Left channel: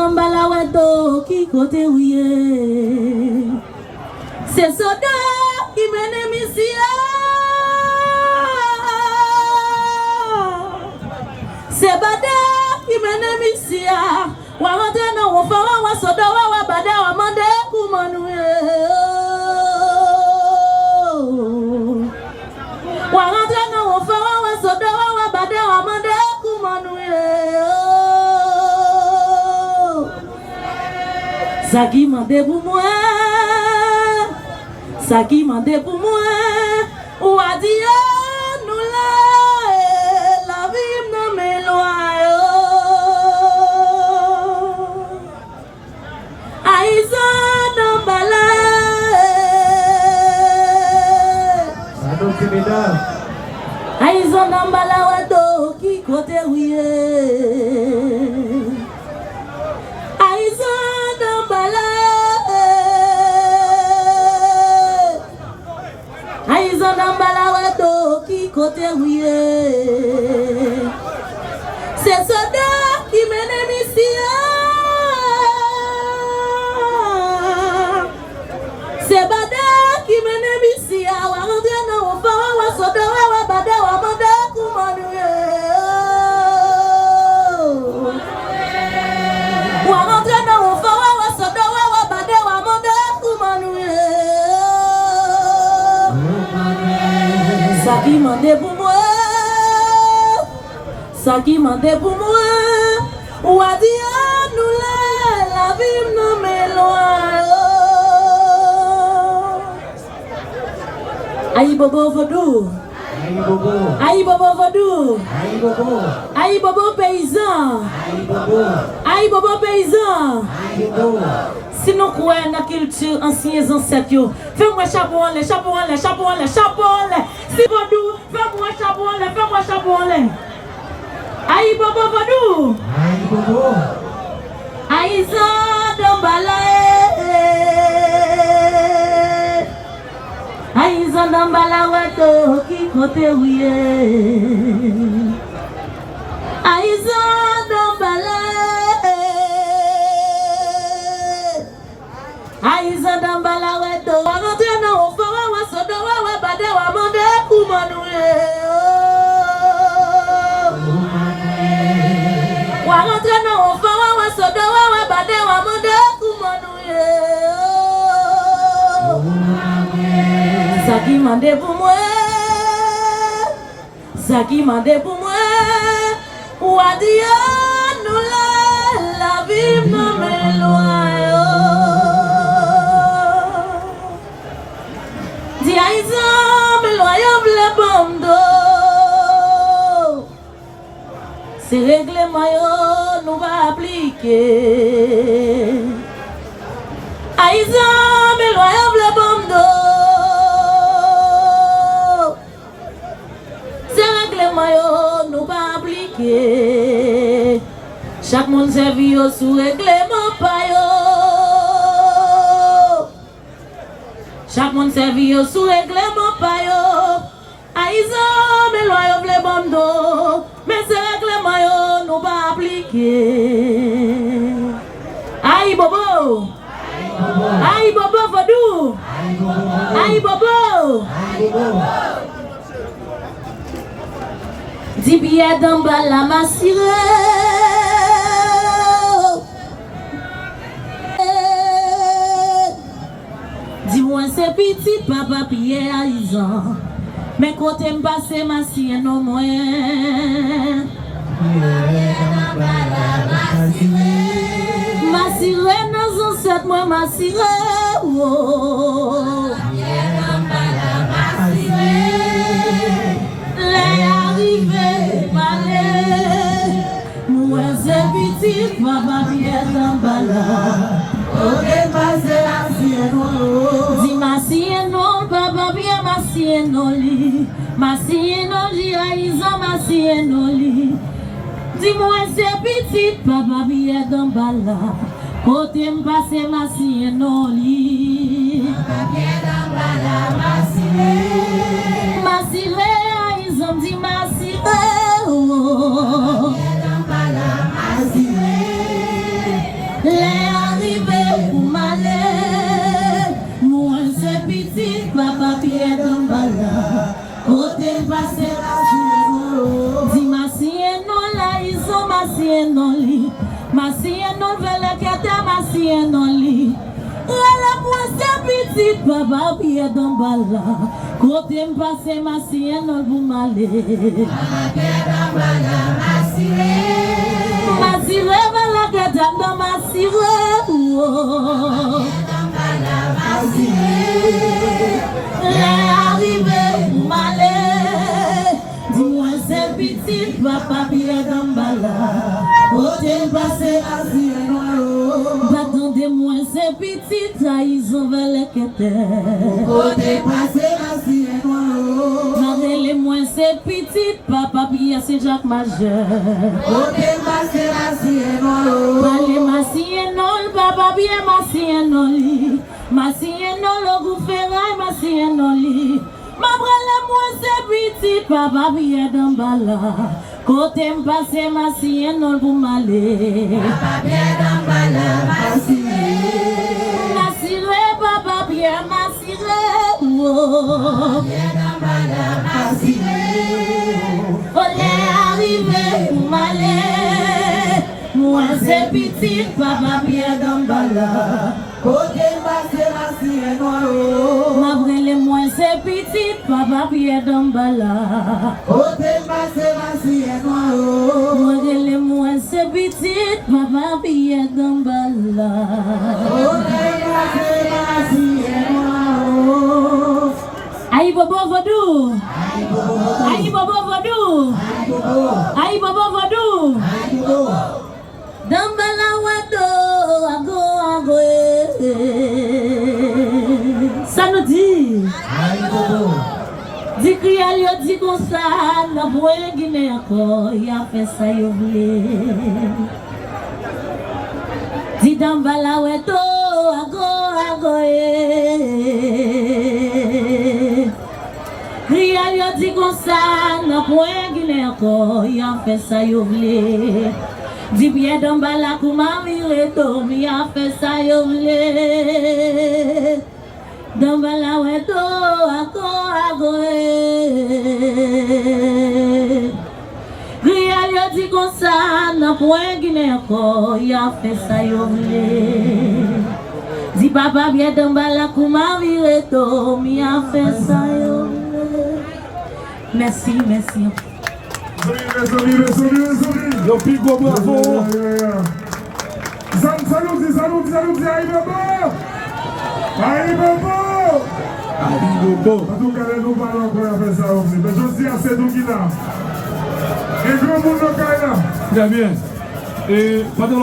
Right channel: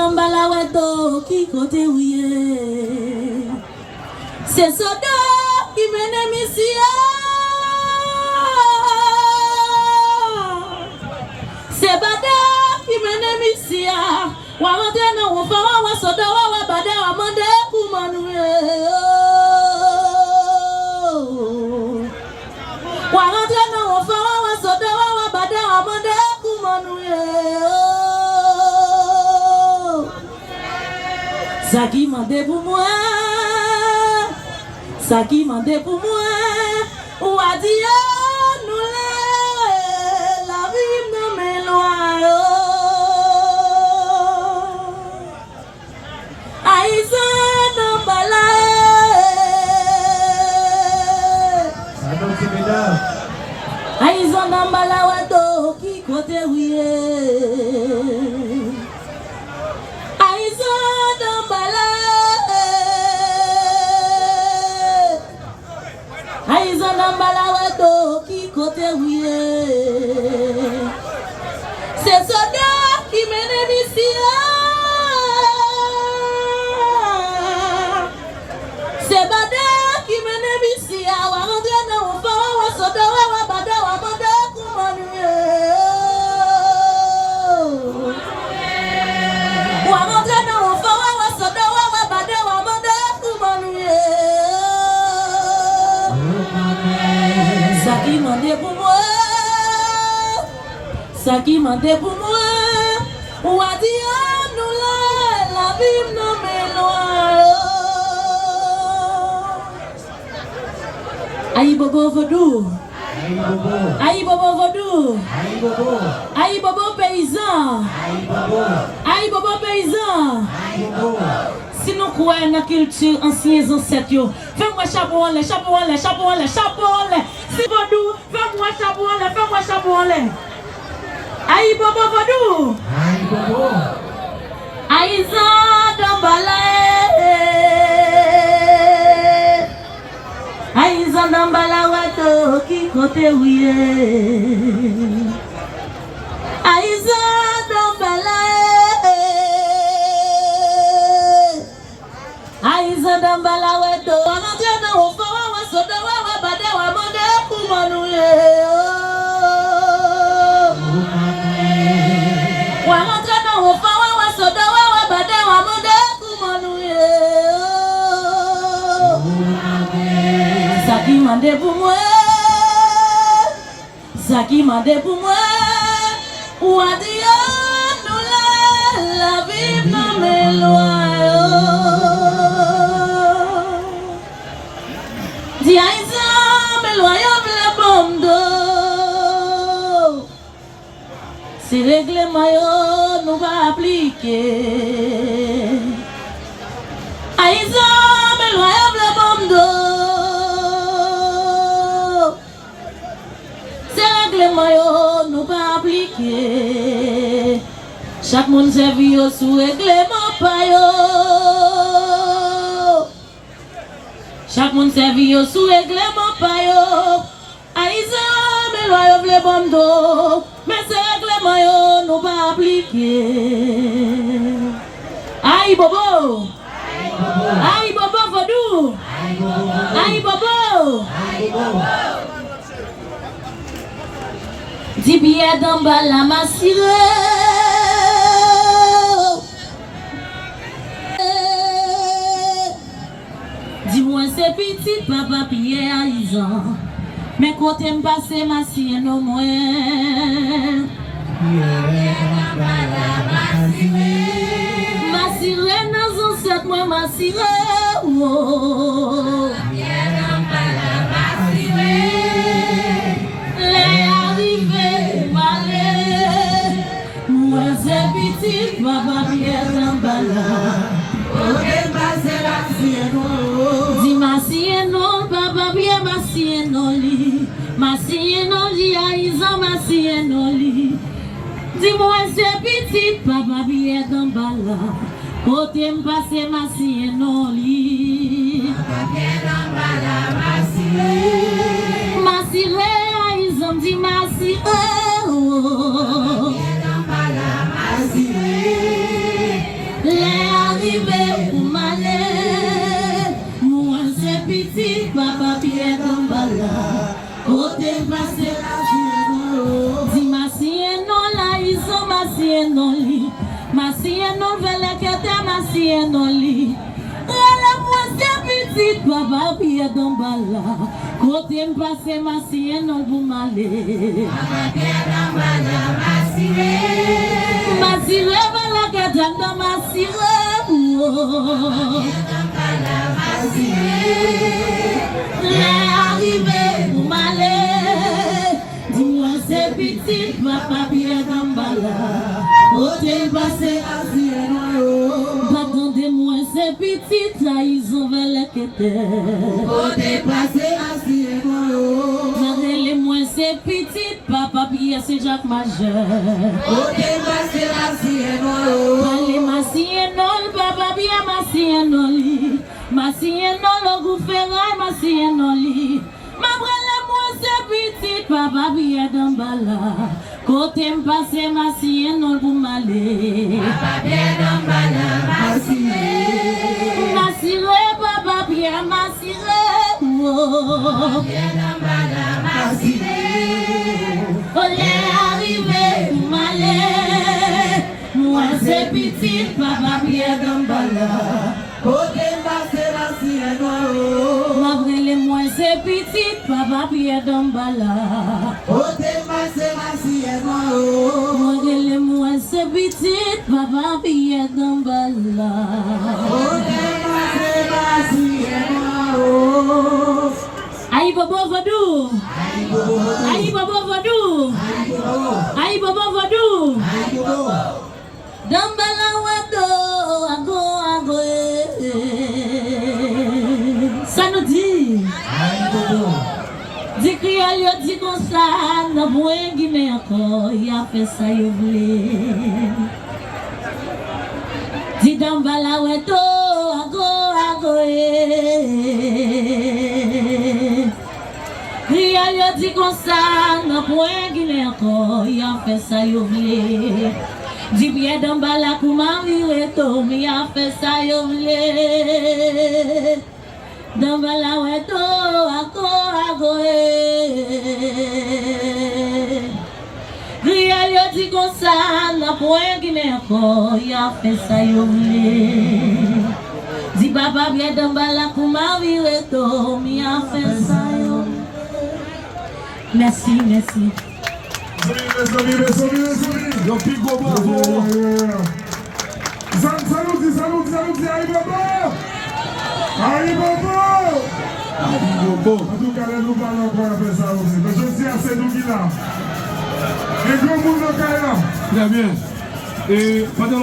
dans balaweto qui côté ouye. C'est soda qui mène mission. C'est bada qui mène mission. Wa rentre dans wa fa wa soda wa bada wa mande kumanouye. Wa rentre dans wa fa wa soda wa bada wa mande kumanouye. Ça qui mande pour moi. Ça qui mande pour moi. Ou a dit nous la vie nous m'éloigne. Aïsan d'embala. Aïsan d'embala wado qui côté ouye. Aïsan d'embala. Aïsan d'embala wado qui côté ouye. C'est soda qui mène mission. C'est bada qui mène mission. Wa rentre dans wa fa wa soda wa bada wa mande kumanouye. Wa rentre dans wa fa wa soda wa bada wa mande kumanouye. Ça qui mande pour moi. Ça qui mande pour moi. Ou a dit nous la vie nous m'éloigne. Aïe bobo vodou. Aïe bobo. Aïe bobo vodou. Aïe bobo. Aïe bobo paysan. Aïe bobo. Aïe bobo paysan. Aïe bobo. Si nous croyons dans la culture anciens ancêtres, fais-moi chapeau en l'air, chapeau en l'air, chapeau en l'air, chapeau en l'air. Si vodou, fais-moi chapeau en l'air, fais-moi chapeau en l'air. Aïe bobo vodou. Aïe bobo. Aïe zan d'embala. Aïsan d'embala wato qui côté ouye. Aïsan d'embala. Aïsan d'embala wato. Wa rentre dans wa fa wa soda wa bada wa mande kumanouye. Wa rentre dans wa fa wa soda wa bada wa mande kumanouye. Ça qui mande pour moi, ça qui mande pour moi, ou a dit nous la vie nous m'éloigne. Dis Aïsan m'éloigne le bomdo, c'est règlement nous va appliquer. Aïsan m'éloigne le bomdo. Nous pas appliquer. Chaque monde servi au sous règlement payo. Chaque monde servi au sous règlement payo. Aïsan mais loyaux le bando. Mais ce règlement nous pas appliquer. Aïe bobo. Aïe bobo vodou. Aïe bobo. Di biya d'embala ma sire. Dis-moi c'est petit papa Pierre Aïsan. Mais côté m'passe ma sire non moins. Ma sire dans un set moi ma sire. Papa Pierre d'embala. Dis ma sieno, papa Pierre ma sieno li. Ma sieno li, Aïsan ma sieno li. Dis-moi c'est petit, papa Pierre d'embala. Côté m'passe ma sieno li. Papa Pierre d'embala ma sieno. Ma sieno, Aïsan dit ma sieno. masienoli. Masienol vele kete masienoli. La moi c'est petite papa pied d'emballa. Côté m'passe masienol pour m'aller. Papa pied d'emballa masire. Masire vele kete masire. D'emballa masire. Les arrivés pour m'aller. Dis-moi c'est petite papa pied d'emballa. Côté m'passe masienol. Attendez-moi ces petites trahison vers la quête. Côté passé assieds-moi. Attendez-moi ces petites papa Pierre c'est Jacques Majeur. Côté passé assieds-moi. Allez massienol papa Pierre massienoli. Massienol au goufferail massienoli. M'abrele-moi ces petites papa Pierre d'emballa. Côté m'passe massienol pour m'aller. Papa Pierre d'emballa. Masire, papa Pierre, masire, oh. Pierre d'emballa, masire. Olé arrivé pour m'aller. Moi c'est petit, papa Pierre d'emballa. Côté passé la sienne, oh. M'abrele moi c'est petit, papa Pierre d'emballa. Côté passé la sienne, oh. M'abrele moi c'est petit, papa Pierre d'emballa. Aïe bobo vodou, aïe bobo vodou, aïe bobo vodou. Dambala wado, ago ago ça nous dit. Aïe bobo. Dit crial yo dit comme ça, na boye Guinée encore, y a fait ça yo vle. Dit dambala wado, ago ago Crial yo dit comme ça, na boye Guinée encore, y a fait ça yo vle. Dit bien dambala kuma vireto, mi a fait ça yo vle. Dambala weto ako agoe. Crial yo dit comme ça, na poe Guinée encore, y a fait ça yo vle. Dit papa bien dambala kuma vireto, mi a fait ça yo vle. Merci, merci. Les amis. Le pic au bravo. Salut, aïe bobo. Aïe bobo. En tout cas, nous parlons encore après ça aussi. Mais je dis à ces nous qui là. Et gros monde au Très bien. Et pendant